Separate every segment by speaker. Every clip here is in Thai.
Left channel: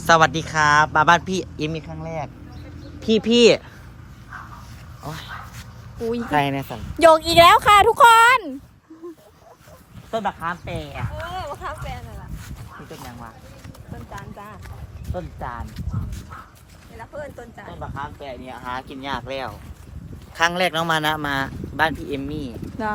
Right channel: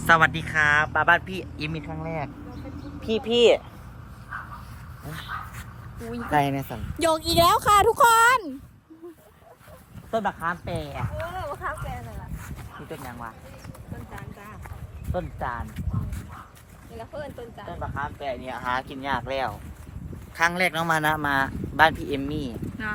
Speaker 1: สวัสดีครับมาบ้านพี่เอ็มมีครั้งแรกพี่โอ้ยใครเนี่ยสัน
Speaker 2: โยกอีกแล้วค่ะทุกคน
Speaker 1: ต้นบักขามแปร
Speaker 2: มะขามแฟนน่ะล่ะ
Speaker 1: นี่ต้นยังวะ
Speaker 2: ต้นจานจ้า
Speaker 1: ต้นจาน
Speaker 2: เวลาเพื่อนต้นจาน
Speaker 1: ต้นบักขามแปรเนี่ยหากินยากแล้วครั้งแรกน้องมานะมาบ้านพี่เอมมี่
Speaker 2: นะ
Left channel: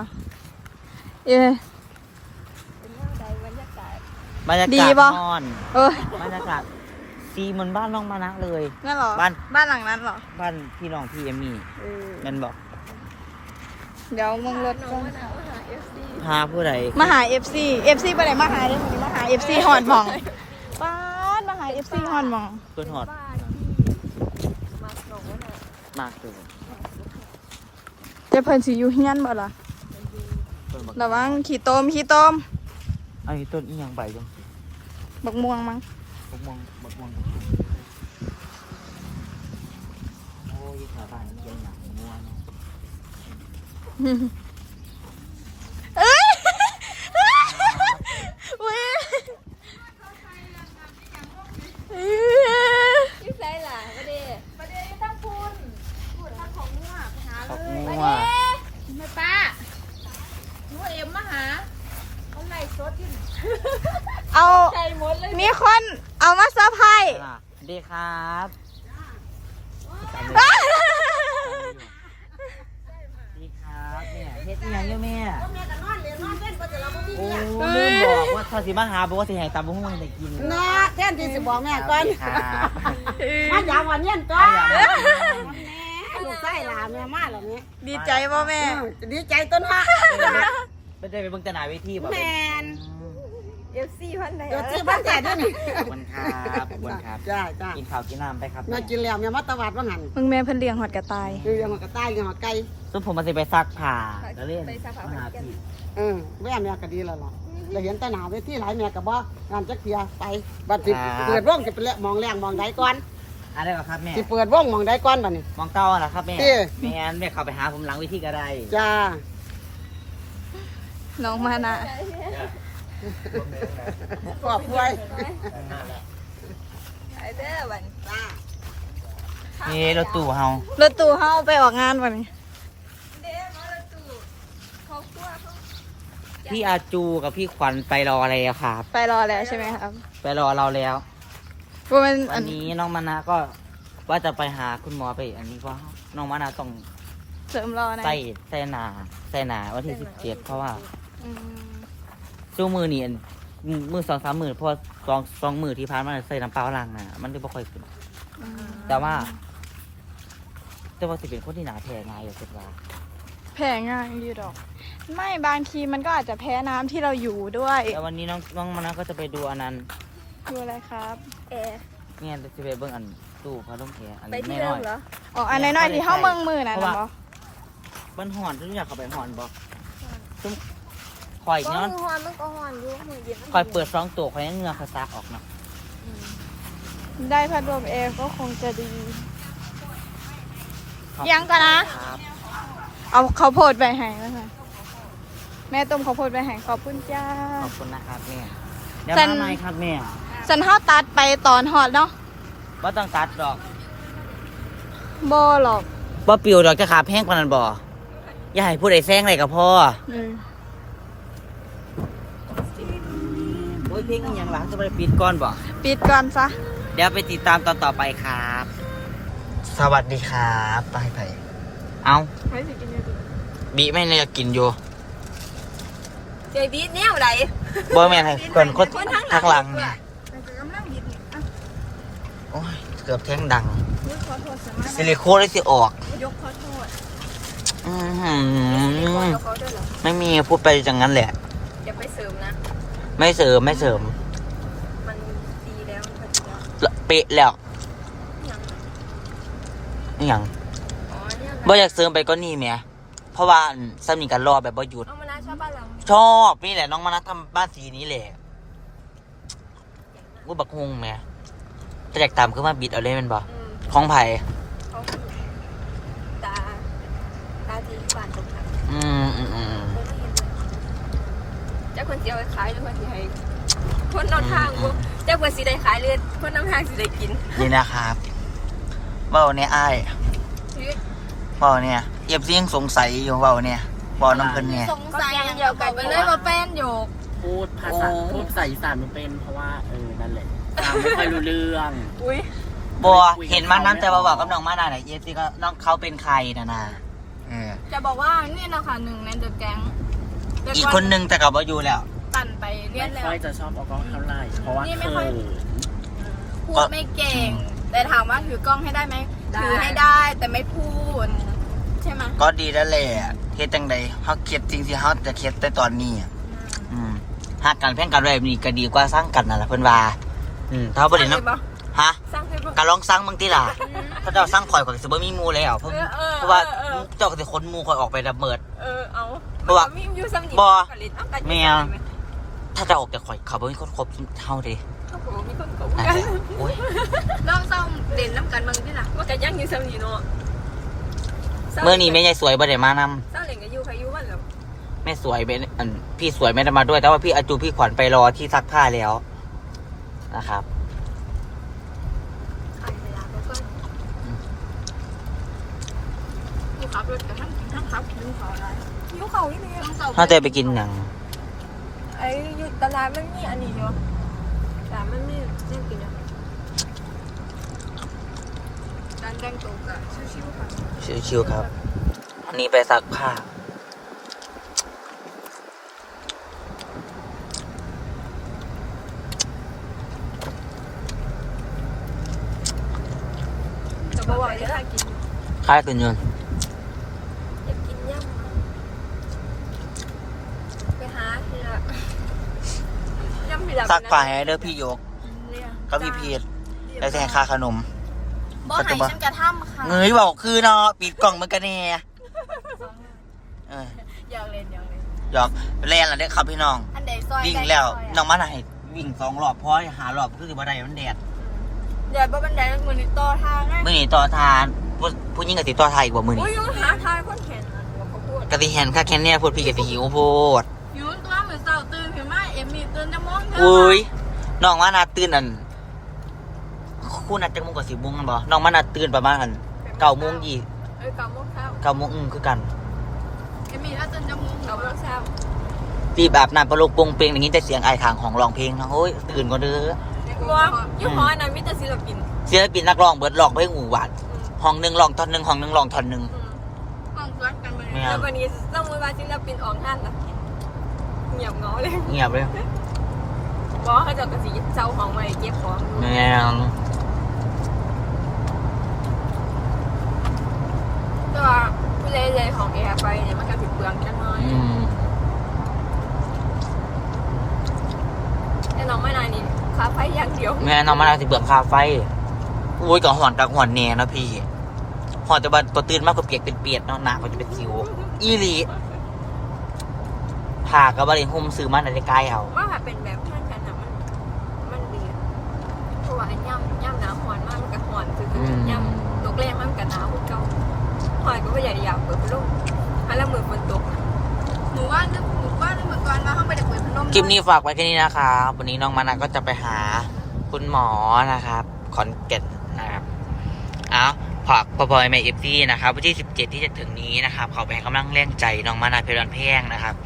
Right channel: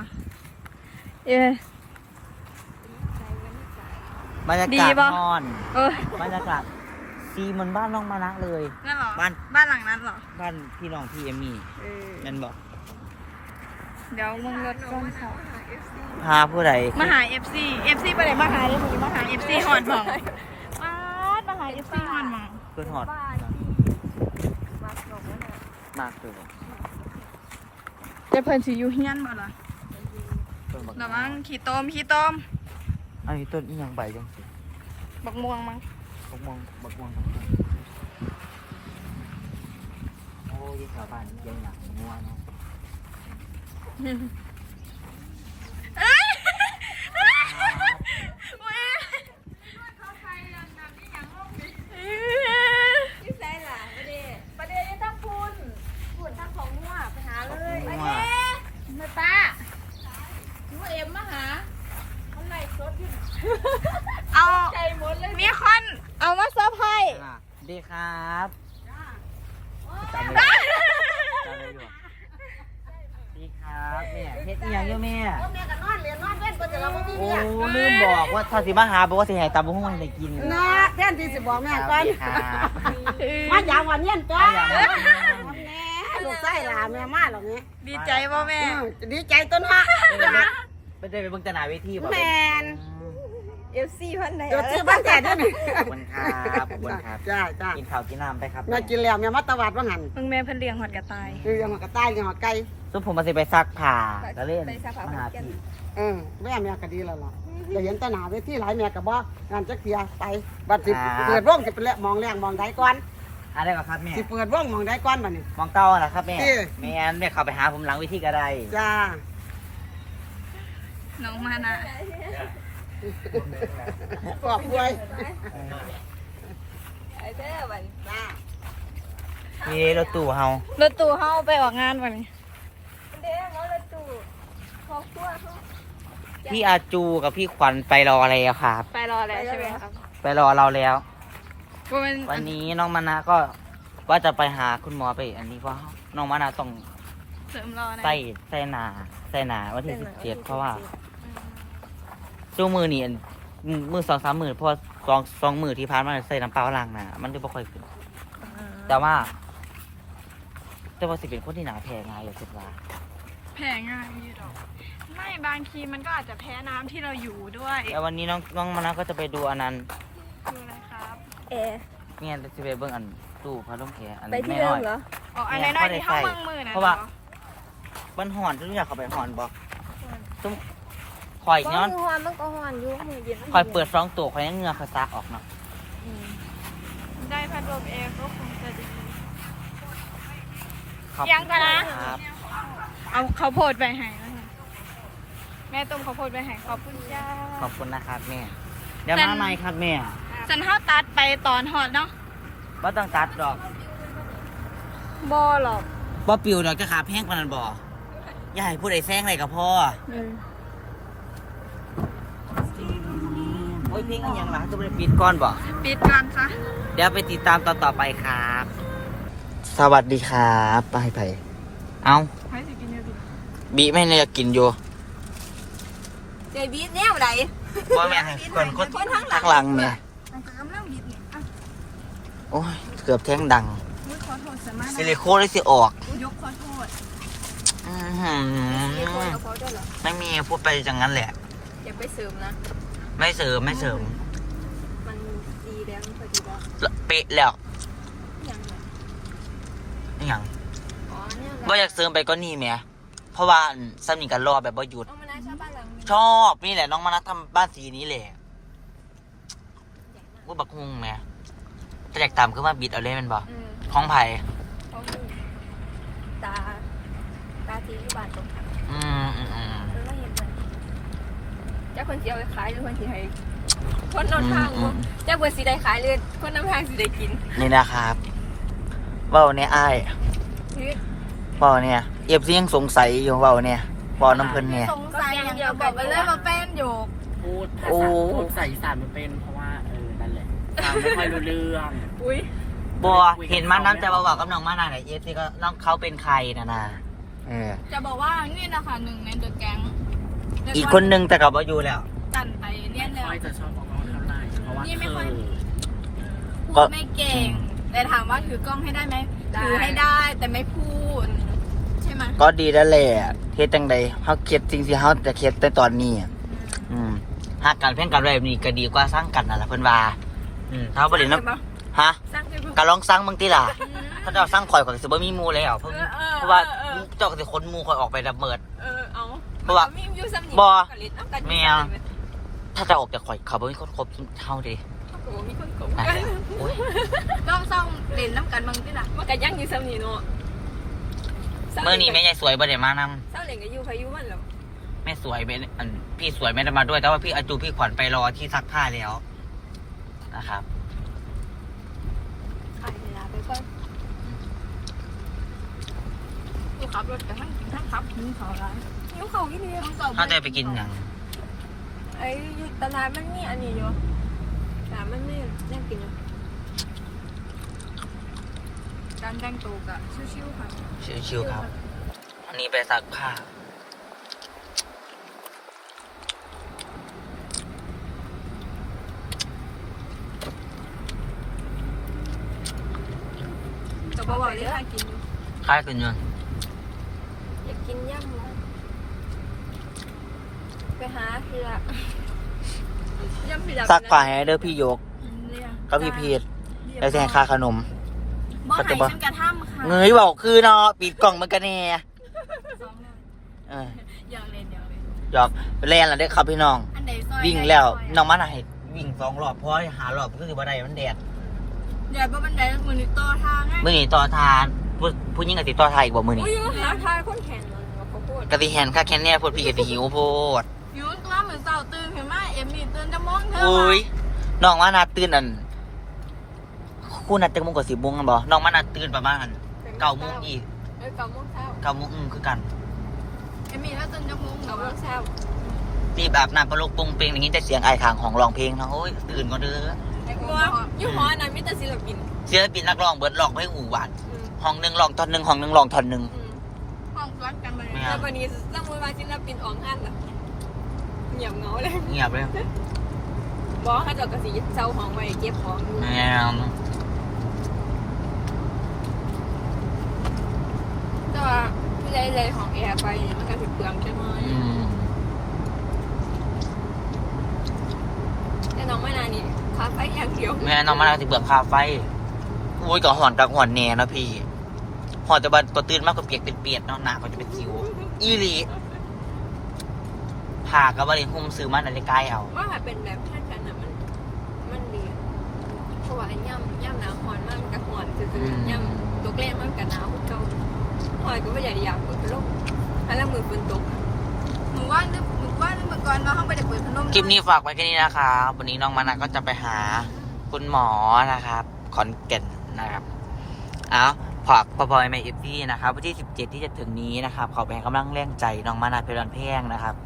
Speaker 1: บรรยา
Speaker 2: ดี
Speaker 1: กาศ
Speaker 2: ปะ
Speaker 1: นอน
Speaker 2: เออบ
Speaker 1: รรยากาศซีเหมือนบ้านน้องมานะเลย
Speaker 2: นั่นเหรอ
Speaker 1: บ้าน
Speaker 2: บ้านหลังนั้นเหรอ
Speaker 1: บ้านพี่น้องพี่เอมมี่แม่นบอก
Speaker 2: เดี๋ยวมึงรถก่อน
Speaker 1: พาผู้ใด
Speaker 2: มาหา FC ไปไหนมาหาเนี่ยวันนี้มาหา FC ฮอนหมองป้าดมาหา FC ฮอนหมอง
Speaker 1: เพื่อนหอดมากตัว
Speaker 2: เดี๋ยวเพิ่นสิอยู่เฮียนบ่ล่ะ
Speaker 1: ต้นบัก
Speaker 2: ระวังขี้ต้ม
Speaker 1: อันนี้ต้นอีหยังใบจัง
Speaker 2: บักม่วงมั้ง
Speaker 1: บักม่วงโอ้ยชาวบ้านเยี่ยงหนักงัวเนาะ
Speaker 2: เว้ย
Speaker 3: ที่ใส่ล่ะประเดี๋ยวยังต้องพูนทั้งของงัวไปหาเลย
Speaker 1: งัว
Speaker 3: ไม่ป้างัวเอ็มมาหาเขาไล่สดอยู่
Speaker 2: เอา
Speaker 3: ใจหมดเลย
Speaker 2: มีคนเอามาเซอร์ไพรส์
Speaker 1: ดีครับจำได้อยู่ดีครับแม่เฮ็ดอีหยังอยู่แม่
Speaker 3: แม่ก็นอนเรียนนอนเล่นก็จะเราไม่มี
Speaker 1: โอ้
Speaker 3: เนี่ย
Speaker 1: ลืมบอกว่าถ้าสิมาหาบอกว่าสิให้ตำบุ้งได้กิน
Speaker 3: เนาะแทนที่จะบอกแม่ก่อน
Speaker 1: ดีครับ
Speaker 3: มาอย่างวันเย็นจ้า
Speaker 1: มาอย่าง
Speaker 3: แม่ลูกไส้หลานแม่มาหรอแม่
Speaker 2: ดีใจป่ะแม่
Speaker 3: ดีใจต้นฮะ
Speaker 1: ไม่ได้ไปเบิ่งแตหนาเวทีบ่
Speaker 3: แมน
Speaker 2: FC พันไหน
Speaker 3: เดี๋ยวซื้อบ้านแต่ด้วยนี่
Speaker 1: ขอบคุณครับขอบคุณครับ
Speaker 3: จ้าจ้า
Speaker 1: กินข้าวกินน้ำไปครับ
Speaker 3: แม่กินแล้วแม่มาตะวัดว่าหัน
Speaker 2: มึงแม่เพิ่นเลี้ยงหอดกระต่าย
Speaker 3: คือยังหัวกระต่ายยังหัวไก่
Speaker 1: ซุปผมมาสิไปซักผ้าก็เล่นมาหาพี่
Speaker 3: แม่ก็ดีแล้วล่ะเราเห็นตาหนาเวทีหลายแม่ก็บอกงานจักเทียไปบัดสิเปิดวงจะเป็นมองแรงมองใดก่อน
Speaker 1: อะไรวะครับแม่
Speaker 3: สิเปิดวงมองใดก่อนบัดนี้
Speaker 1: มองเก้าเหรอครับแม่
Speaker 3: ที่
Speaker 1: แม่แม่เข้าไปหาผมหลังเวิธีก็ได้
Speaker 3: จ้า
Speaker 2: น้องมานะ
Speaker 3: ขอบใจ
Speaker 1: นี่รถตู้เฮาร
Speaker 2: ถตู้เฮาไปออกงานวันนี้
Speaker 1: พี่อาจูกับพี่ขวัญไปรอแล้วครับ
Speaker 2: ไปรอแล้วใช่ไหมครับ
Speaker 1: ไปรอเราแล้ว
Speaker 2: มัน
Speaker 1: วันนี้น้องมานะก็ว่าจะไปหาคุณหมอไปอันนี้เพราะน้องมานะต้อง
Speaker 2: เสริมรอนะ
Speaker 1: ใส่หนาวันที่17เพราะว่าช่วงมือนี่มือ2-3 มือเพราะสองมือที่ผ่านมาใส่น้ำเปล่าล้างหนามันเลยไม่ค่อยขึ้นแต่ว่าสิเป็นคนที่หนาแพ้ง่ายอย่าเสียว่า
Speaker 2: แพ้ง่ายดีดอก ไม่บางทีมันก็อาจจะแพ้น้ำที่เราอยู่ด้วย
Speaker 1: แต่วันนี้น้องมานะก็จะไปดูอันนั้น
Speaker 2: คืออะไรครับเอ
Speaker 1: เนี่ยจะไปเบิ่งอันตู้พัดลมแอร์อัน
Speaker 2: ไป
Speaker 1: นี้
Speaker 2: ที่
Speaker 1: ไม่
Speaker 2: เดิ
Speaker 1: น้
Speaker 2: ม
Speaker 1: อย
Speaker 2: เหรออ๋ออันน้อยๆที่ห้องเมืองมือนะ
Speaker 1: เพราะว่า
Speaker 2: เหรอ
Speaker 1: มันห่อนทุกอย่างเข้าไปห่อนบอกซุ้มคอยย้อน
Speaker 3: หอนมันก็หอนอยู่มือเย็น
Speaker 1: คอยเปิด2ตัวคอยให้เหงือคอยซากออกเนาะ
Speaker 2: ได้พัดลมแอร์ก็คงจะดี
Speaker 1: ขอบคุณ
Speaker 2: ยังกันนะ
Speaker 1: ครับ
Speaker 2: เอาข้าวโพดไปให้นะคะแม่ต้มข้าวโพดไปให้ขอบคุณจ้า
Speaker 1: ขอบคุณนะครับแม่เดี๋ยว
Speaker 2: แต่
Speaker 1: มาใหม่ครับแม่
Speaker 2: สันเท้าตัดไปตอนหอดเนาะ
Speaker 1: ว่าต้องตัดดอก
Speaker 2: โบหรอก
Speaker 1: ว่าปิวดอกจะขาแพงกว่านั้นบ่อย่าให้ผู้ใดแซงอะไรกับพ่อ
Speaker 2: อืม
Speaker 1: โอ้ยเพลงอะไรยังวะจะไปปิดก่อนบ่
Speaker 2: ปิดก่อนซะ
Speaker 1: เดี๋ยวไปติดตามตอนต่อไปครับ สวัสดีครับป้ายไผ่เอ้า
Speaker 2: ไม่สิกินอยู่ดิ
Speaker 1: บีไม่เนี่ยกินอยู่
Speaker 3: เจบีเนี่ยอะไร
Speaker 1: บ่แม่นให้คนทักหลังนะ
Speaker 2: ไปจะกำลังบิดนี่อ่ะ
Speaker 1: โอ้ยเกือบแข้งดัง
Speaker 2: นี่ขอโทษสมา
Speaker 1: ซิลิโคนได้สิออก
Speaker 2: ยกขอโทษ
Speaker 1: อื้อหือไม่มีพูดไปอย่างนั้นแหละ
Speaker 3: อย่าไปเสริมนะ
Speaker 1: ไม่เสริม
Speaker 3: มันดีแล้วมันพอดีแล้ว
Speaker 1: เป๊ะแล้ว
Speaker 3: ยังไง
Speaker 1: อหย่าง
Speaker 3: อ๋อเนี่ย
Speaker 1: บ่อยากเสริมไปก็นี่แหม่เพราะว่าสามีกันรอแบบบ่หยุด
Speaker 3: เอามานะชอบบ้านหลัง
Speaker 1: ชอบนี่แหละน้องมานัดทำบ้านสีนี้แหละกูบักฮุงแหม่แต่อยากตามคือมาบิดเอาเลยแมันบ่ของไผ่
Speaker 3: เขาตาจีบ้านตรงไหน
Speaker 1: อืม
Speaker 3: แล้วก็เห็นเลยเจ้าคนเจียวขายหรือคนที่ให้
Speaker 2: คนนอนทางเจ้าบัวสีได้ขายเลยคนนำทางสีได้กิน
Speaker 1: นี่นะครับเว้าเนี่ยอ้ายเว้าเนี่ยเอฟซียังสงสัยอยู่เว้าเนี่ยเว้าน้ำเพิ่นเนี่ย
Speaker 2: สงสัยอย่างเดียวกันเลยว่าแป้นโยก
Speaker 4: พูดภาษาพูดภาษาอีสานมันเป็นเพราะว่านั่นแหละฟังไม่ค่อยรู้เรื่อง
Speaker 2: อุ้ย
Speaker 1: บัวเห็นมาน้ำแต่ว่าบอกกับน้องมานาหน่อยเอฟซีก็น้องเขาเป็นใครนะ
Speaker 2: จะบอกว่านี่นะคะหนึ่งในเดอะแก๊ง
Speaker 1: อีกคนนึงแต่กับว่าอยู่แล้ว
Speaker 2: ตันไปเรียน
Speaker 4: ไม่
Speaker 2: แล้ว
Speaker 4: ค่อยจะชอบเอากล้องเท่าไหร่เพราะว่า
Speaker 2: นี่ไม่
Speaker 4: เค
Speaker 2: ค่อย
Speaker 4: ย
Speaker 2: พูดไม่เก่ง แต่ถามว่าถือกล้องให้ได้ไหมถือให้ได้แต่ไม่พูดใช่ไหม
Speaker 1: ก็ดีแล้วแหละเฮ็ดจังใดเฮาเฮ็ดจริงสิเฮาจะเฮ็ดแต่ตอนนี้หากการแพ่งกันแบบนี้ก็ดีกว่าสร้างกันนั่นล่ะเพิ่นว่าถ้าบ่ได้นำฮะ
Speaker 2: สร้างให้บอก
Speaker 1: ก็ลองสร้างบางทีล่ะถ้าเจ้าสร้างข่อยก็สิบ่มีหมู่แล้วเพราะว่าเจ้าก็สิขนหมู่ข่อยออกไปละเมิด
Speaker 2: เอา
Speaker 1: เพราะว่า
Speaker 2: มีอยู่สำนี
Speaker 1: บ่
Speaker 2: แม
Speaker 1: แม่ถ้าจะออกจากข่อยเขาบ่มีคนคบเฮาเด้
Speaker 2: มีคนโกง
Speaker 1: นั่นแหละโอ้ย
Speaker 2: ต้องซ่อมเล่นน้ำกันบางที่หลังว่ากันยังอยู่สำนีเนาะ
Speaker 1: มื้อนี้แม่ยายสวยบ่ได้มานำ
Speaker 2: สร้างเล่นกับยูพายุมันแล้ว
Speaker 1: แม่สวยเป็นพี่สวยไม่ได้มาด้วยแต่ว่าพี่อาจูพี่ขวัญไปรอที่ซักผ้าแล้วนะครับ
Speaker 2: ถ่ายเวลาไปก่อนขับรถกันทั้งขับผิวเขาอะไรผิวเขาอีนี่ต้องเต่า
Speaker 1: ถ้าจะไปกินอย่าง
Speaker 2: ไอ้ตลาดไม่มีอันนี้อยู่ตลาดไม่มีเล่นกินอยู่การแต่งตัวกับชิวๆค่ะ
Speaker 1: ชิวๆครับอันนี้ไปซักผ้า
Speaker 2: จะบอกว่าจะกิน
Speaker 1: ค่ายกันยนต์
Speaker 2: อยากกินย่ำนะไปหาทีละย่ำทีละ
Speaker 1: ซักผ้าให้เด้อพี่ยกก็พี่พีทแล้วจะให้ค่าขนม
Speaker 2: บ่ให้ฉันกระทำค่ะ
Speaker 1: เงยบอกคือเนาะปิดกล่องมันกันแน่เออ
Speaker 2: อยากเล่นอยากเล่น
Speaker 1: หยอกแล่นละเด้อครับพี่น้อง
Speaker 2: อันเดซอย
Speaker 1: วิ่งแล้วน้องมันให้วิ่ง2 รอบเพราะหารอบคือสิบ่ได้มันแดด
Speaker 2: เดี๋ยวบันไดมือนี่ต่อทางไง
Speaker 1: มื้อนี้ต่อทานผู้หญิงก็สิต่อทานอีกบ่มื้อนี้
Speaker 2: อุ้ยยังหาทางคนแข็งนะเขาพูด
Speaker 1: ก็สิแฮนค่าแค่แน่พูดพี่ก็สิหิวโพด
Speaker 2: ยูนตัวเหมือนเสาตื่นเห็นไหมเอ็มมีตื่นจะมอง
Speaker 1: อุ้ยน้องมานาตื่นคู่นัดจังโมงกับ10 โมงกันบ่น้องมานาตื่นประมาณ9 โมงยี่
Speaker 2: 9 โมงเช้า
Speaker 1: 9 โมงคือกัน
Speaker 2: เอ็มมีถ้าตื่นจะมอง9 โมงเช้า
Speaker 1: รีบอาบน้ำประโลกปงเปงอย่างนี้แต่เสียงไอ้ขางของร้องเพลงนะโอ้ยตื่นก่อนเด้อ
Speaker 2: บัวยูหอนั้นมิตรศิลปิน
Speaker 1: เสียปินนักร้องเบิดร้องเพลงอู่หวานห้องหนึงร้องท่อนหนึงห้องหนึงร้องท่อนหนึง
Speaker 2: ห้องรักกันไป
Speaker 1: ไม่เอา
Speaker 2: แล้ววันนี้เรามือมาศิลปินออกห้านล่ะเงียบเหงาเลย
Speaker 1: เงียบเลย
Speaker 2: บอกเขาจะกระสีเจ้าห้องไว้เก็บของ
Speaker 1: แม่ง
Speaker 2: แต่ว่าผู้ใหญ่เลยของแอร์ไปเนี่ยมันก็ผิดเปลืองกันน้อยแต่น้องไม่นานนี่คาไฟอย่างเดียว
Speaker 1: แม่น้องมานาสิเบื่อค่าไฟโอ้ยก็หอนกับหอนแน่เนาะพี่หอนแต่บัดพอตื่นมากก็เปียกเป็นเปียกเนาะหน้าเขาจะเป็นสิวอีหลีผ่ากับบริหุ่มซื้อมาในใกล้เอา
Speaker 2: ว่าถ้าเป็นแบบเพื่อนกันนะมันดีอะเพราะว่าอันย่ำหนาวหอนมากมันก็หอนคืออย่ำตกแรงมันก็หนาวคือเก่าหอยก็ไม่ใหญ่อยากเปิดพัดลมให้ละมือฝนตกนะหนูว่านึกก่อนมาเข้าไปจะเปิดพัดลม
Speaker 1: คลิปนี้ฝากไว้แค่นี้นะครับวันนี้น้องมานาก็จะไปหาคุณหมอนะครับขอนแก่นนะครับเอาฝากพอๆแม่เอฟซีนะครับวันที่17ที่จะถึงนี้นะครับขอไปให้กำลังแรงใจน้องมานาเพลินแพงนะครับ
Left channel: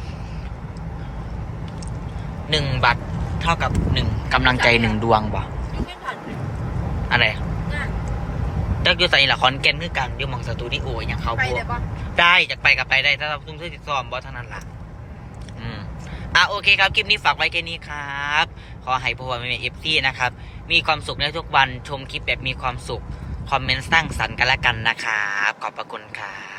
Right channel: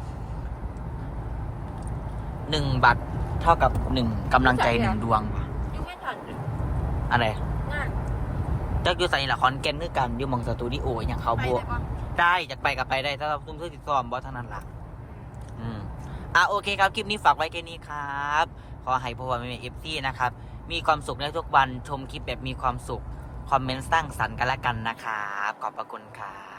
Speaker 1: 1 บัตรเท่ากับ1กำลังใจ1 ดวงบ่อะไร
Speaker 2: ง่าย
Speaker 1: จักอยู่ใส่ละครแก่นคือกันอยู่หมองสตูดิโออย่างเขา
Speaker 2: ไป
Speaker 1: พว
Speaker 2: เล
Speaker 1: ก
Speaker 2: ยปะ
Speaker 1: ได้จากไปกับไปได้ถ้าเราซุ่มเสื้อติดซ้อมบอสเท่านั้นล่ะโอเคครับคลิปนี้ฝากไว้แค่นี้ครับขอให้พวกเราเป็นเอฟซีนะครับมีความสุขในทุกวันชมคลิปแบบมีความสุขคอมเมนต์สร้างสรรค์กันละกันนะครับขอบพระคุณครับ